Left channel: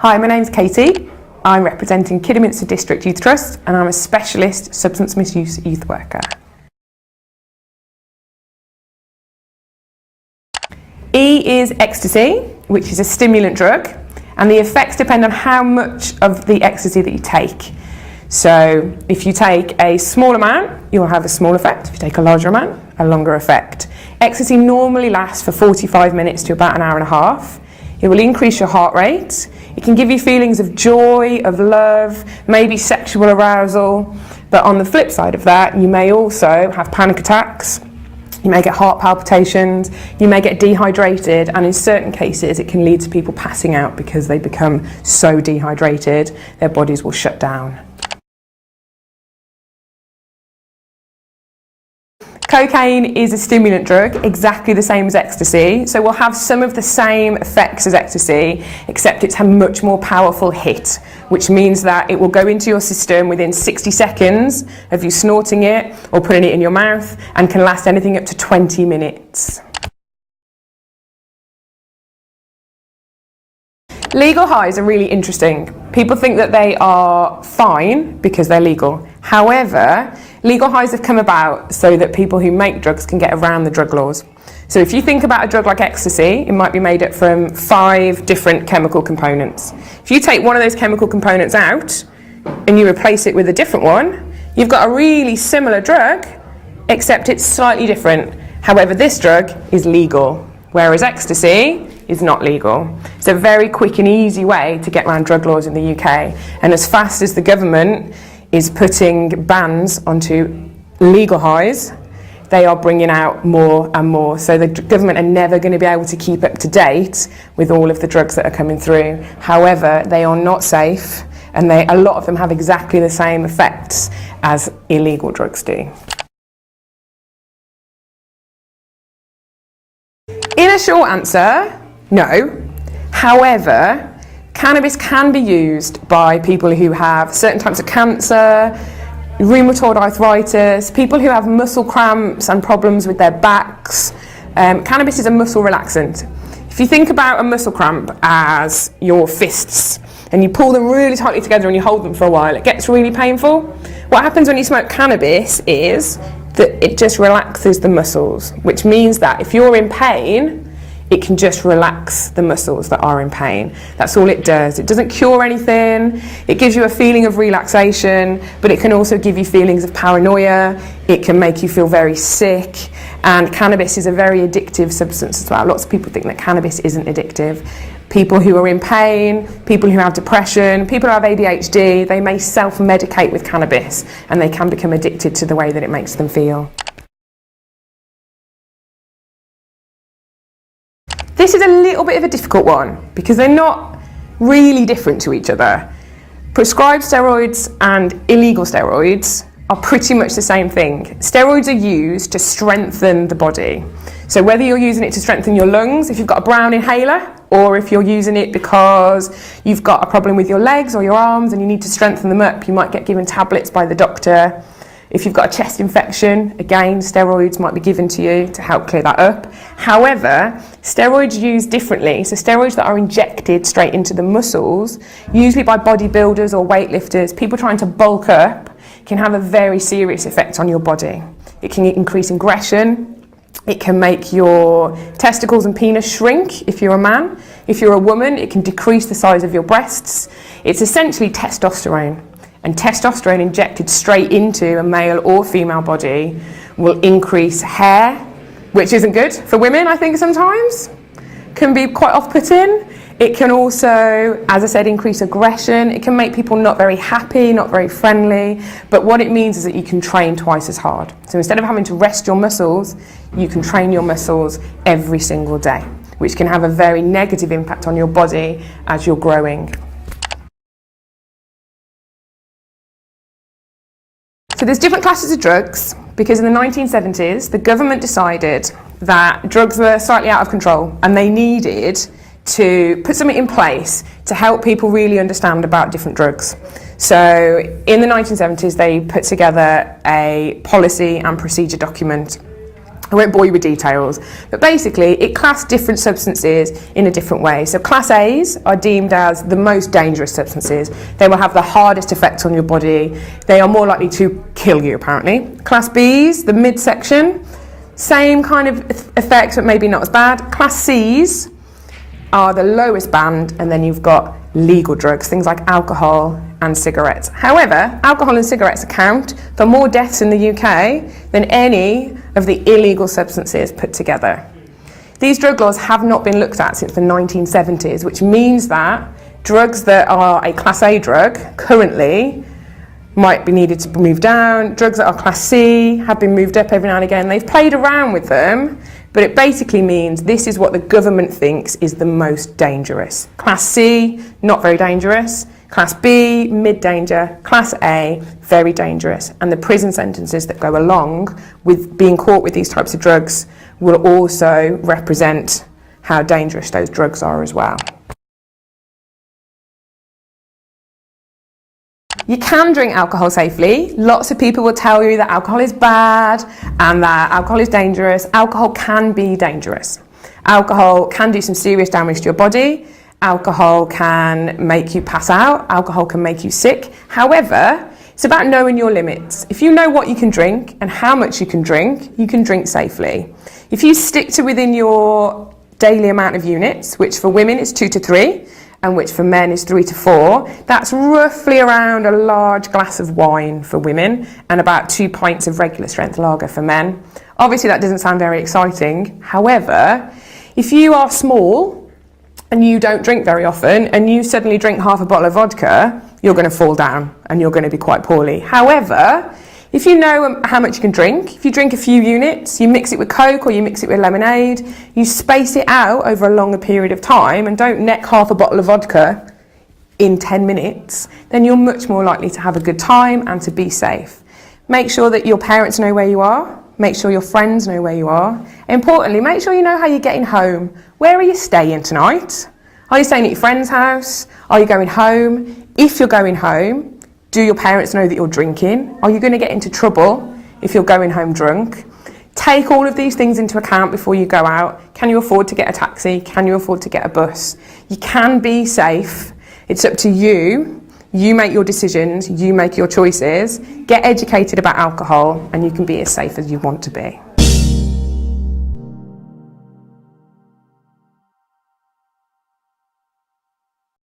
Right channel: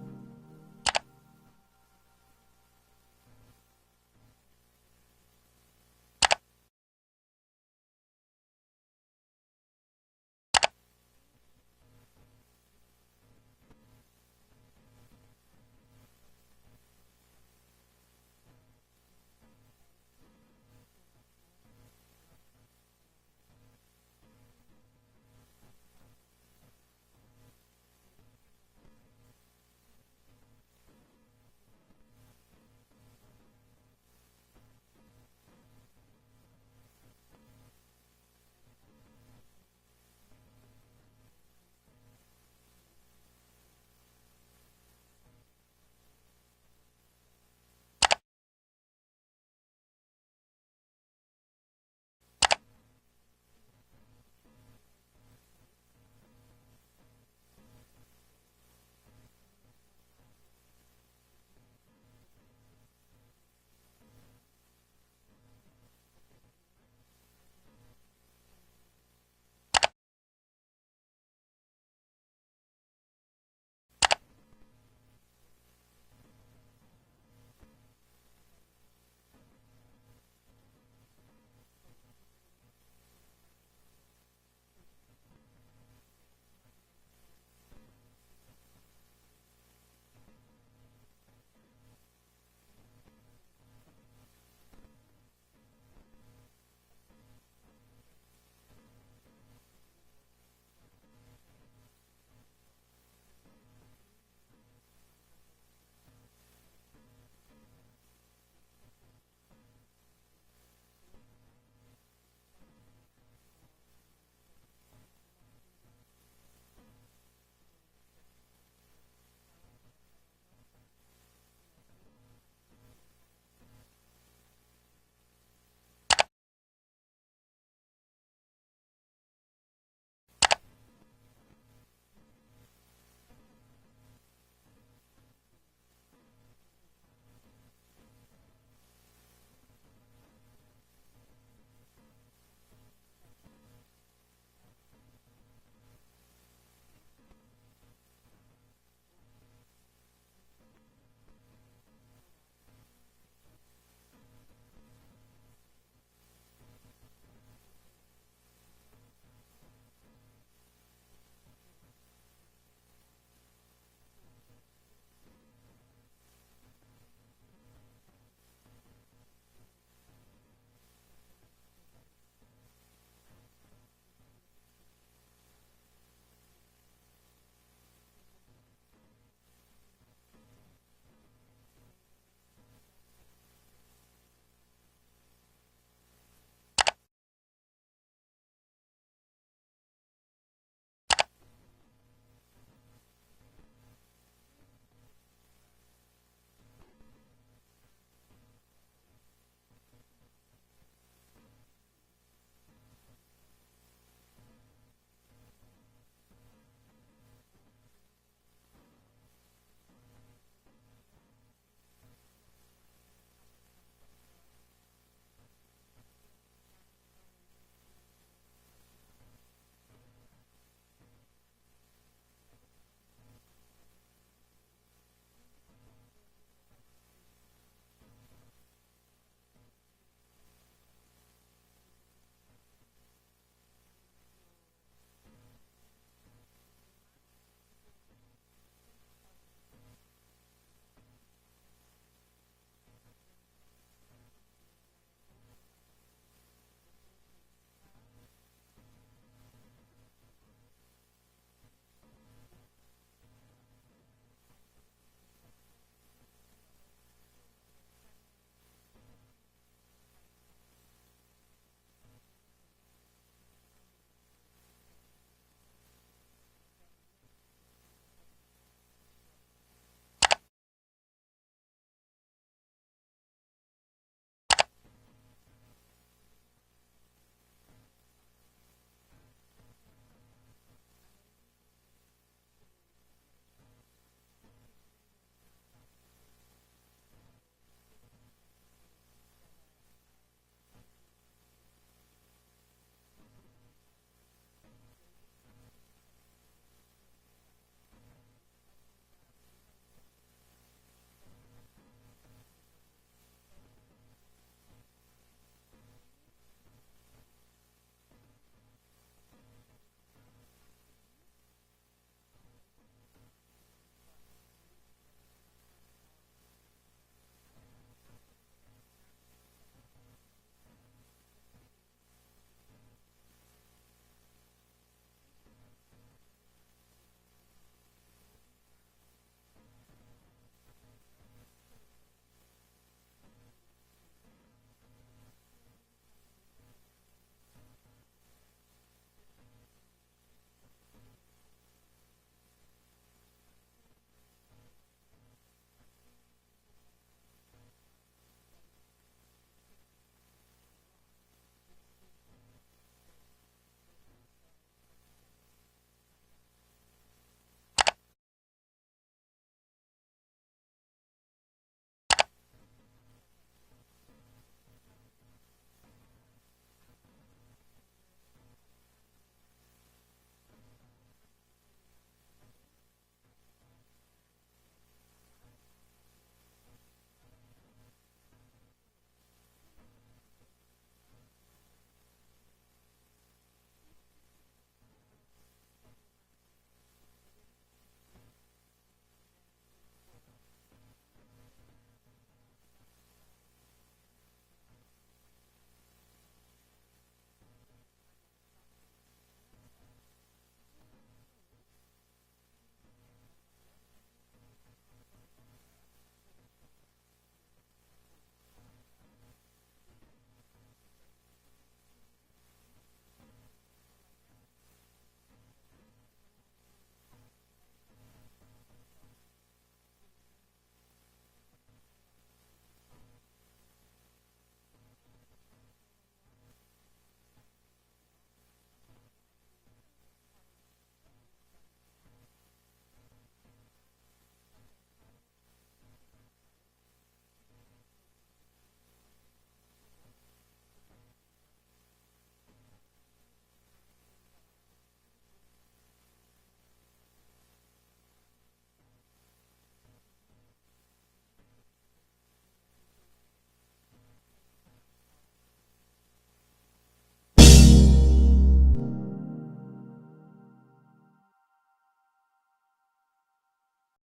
Hi, my name's Katy. I'm representing Kidderminster District Youth Trust and I'm a specialist substance misuse youth worker. E is ecstasy, which is a stimulant drug, and the effects depend on how much of the ecstasy that you take. So if you take a small amount, you'll have a small effect. If you take a larger amount, a longer effect. Ecstasy normally lasts for 45 minutes to about an hour and a half. It will increase your heart rate. It can give you feelings of joy, of love, maybe sexual arousal. But on the flip side of that, you may also have panic attacks. You may get heart palpitations. You may get dehydrated. And in certain cases, it can lead to people passing out because they become so dehydrated, their bodies will shut down. Cocaine is a stimulant drug, exactly the same as ecstasy, so will have some of the same effects as ecstasy, except it's a much more powerful hit, which means that it will go into your system within 60 seconds of you snorting it or putting it in your mouth, and can last anything up to 20 minutes. Legal highs are really interesting. People think that they are fine because they're legal. However, legal highs have come about so that people who make drugs can get around the drug laws. So if you think about a drug like ecstasy, it might be made up from 5 different chemical components. If you take one of those chemical components out and you replace it with a different one, you've got a really similar drug, except it's slightly different. However, this drug is legal, whereas ecstasy is not legal. It's a very quick and easy way to get around drug laws in the UK. And as fast as the government is putting bans onto legal highs, they are bringing out more and more. So the government are never going to be able to keep up to date with all of the drugs that are coming through. However, they are not safe, and a lot of them have exactly the same effects as illegal drugs do. In a short answer, no. However, cannabis can be used by people who have certain types of cancer, rheumatoid arthritis, people who have muscle cramps and problems with their backs. Cannabis is a muscle relaxant. If you think about a muscle cramp as your fists, and you pull them really tightly together and you hold them for a while, it gets really painful. What happens when you smoke cannabis is that it just relaxes the muscles, which means that if you're in pain, it can just relax the muscles that are in pain. That's all it does. It doesn't cure anything. It gives you a feeling of relaxation, but it can also give you feelings of paranoia. It can make you feel very sick. And cannabis is a very addictive substance as well. Lots of people think that cannabis isn't addictive. People who are in pain, people who have depression, people who have ADHD, they may self-medicate with cannabis and they can become addicted to the way that it makes them feel. This is a little bit of a difficult one because they're not really different to each other. Prescribed steroids and illegal steroids are pretty much the same thing. Steroids are used to strengthen the body. So whether you're using it to strengthen your lungs, if you've got a brown inhaler, or if you're using it because you've got a problem with your legs or your arms and you need to strengthen them up, you might get given tablets by the doctor. If you've got a chest infection, again, steroids might be given to you to help clear that up. However, steroids used differently, so steroids that are injected straight into the muscles, usually by bodybuilders or weightlifters, people trying to bulk up, can have a very serious effect on your body. It can increase aggression. It can make your testicles and penis shrink if you're a man. If you're a woman, it can decrease the size of your breasts. It's essentially testosterone. And testosterone injected straight into a male or female body will increase hair, which isn't good for women, I think sometimes. Can be quite off-putting. It can also, as I said, increase aggression. It can make people not very happy, not very friendly. But what it means is that you can train twice as hard. So instead of having to rest your muscles, you can train your muscles every single day, which can have a very negative impact on your body as you're growing. So there's different classes of drugs because in the 1970s, the government decided that drugs were slightly out of control and they needed to put something in place to help people really understand about different drugs. So in the 1970s, they put together a policy and procedure document I won't bore you with details, but basically it classed different substances in a different way. So Class A's are deemed as the most dangerous substances. They will have the hardest effect on your body. They are more likely to kill you, apparently. Class B's, the midsection, same kind of effects, but maybe not as bad. Class C's are the lowest band, and then you've got legal drugs, things like alcohol and cigarettes. However, alcohol and cigarettes account for more deaths in the UK than any of the illegal substances put together. These drug laws have not been looked at since the 1970s, which means that drugs that are a Class A drug currently might be needed to move down. Drugs that are Class C have been moved up every now and again. They've played around with them, but it basically means this is what the government thinks is the most dangerous. Class C, not very dangerous. Class B, mid-danger. Class A, very dangerous. And the prison sentences that go along with being caught with these types of drugs will also represent how dangerous those drugs are as well. You can drink alcohol safely. Lots of people will tell you that alcohol is bad and that alcohol is dangerous. Alcohol can be dangerous. Alcohol can do some serious damage to your body. Alcohol can make you pass out. Alcohol can make you sick. However, it's about knowing your limits. If you know what you can drink and how much you can drink safely. If you stick to within your daily amount of units, which for women is 2 to 3, and which for men is 3 to 4, that's roughly around a large glass of wine for women and about 2 pints of regular strength lager for men. Obviously that doesn't sound very exciting. However, if you are small and you don't drink very often and you suddenly drink half a bottle of vodka, you're going to fall down and you're going to be quite poorly. However, if you know how much you can drink, if you drink a few units, you mix it with Coke or you mix it with lemonade, you space it out over a longer period of time and don't neck half a bottle of vodka in 10 minutes, then you're much more likely to have a good time and to be safe. Make sure that your parents know where you are. Make sure your friends know where you are. Importantly, make sure you know how you're getting home. Where are you staying tonight? Are you staying at your friend's house? Are you going home? If you're going home, do your parents know that you're drinking? Are you going to get into trouble if you're going home drunk? Take all of these things into account before you go out. Can you afford to get a taxi? Can you afford to get a bus? You can be safe. It's up to you. You make your decisions. You make your choices. Get educated about alcohol and you can be as safe as you want to be.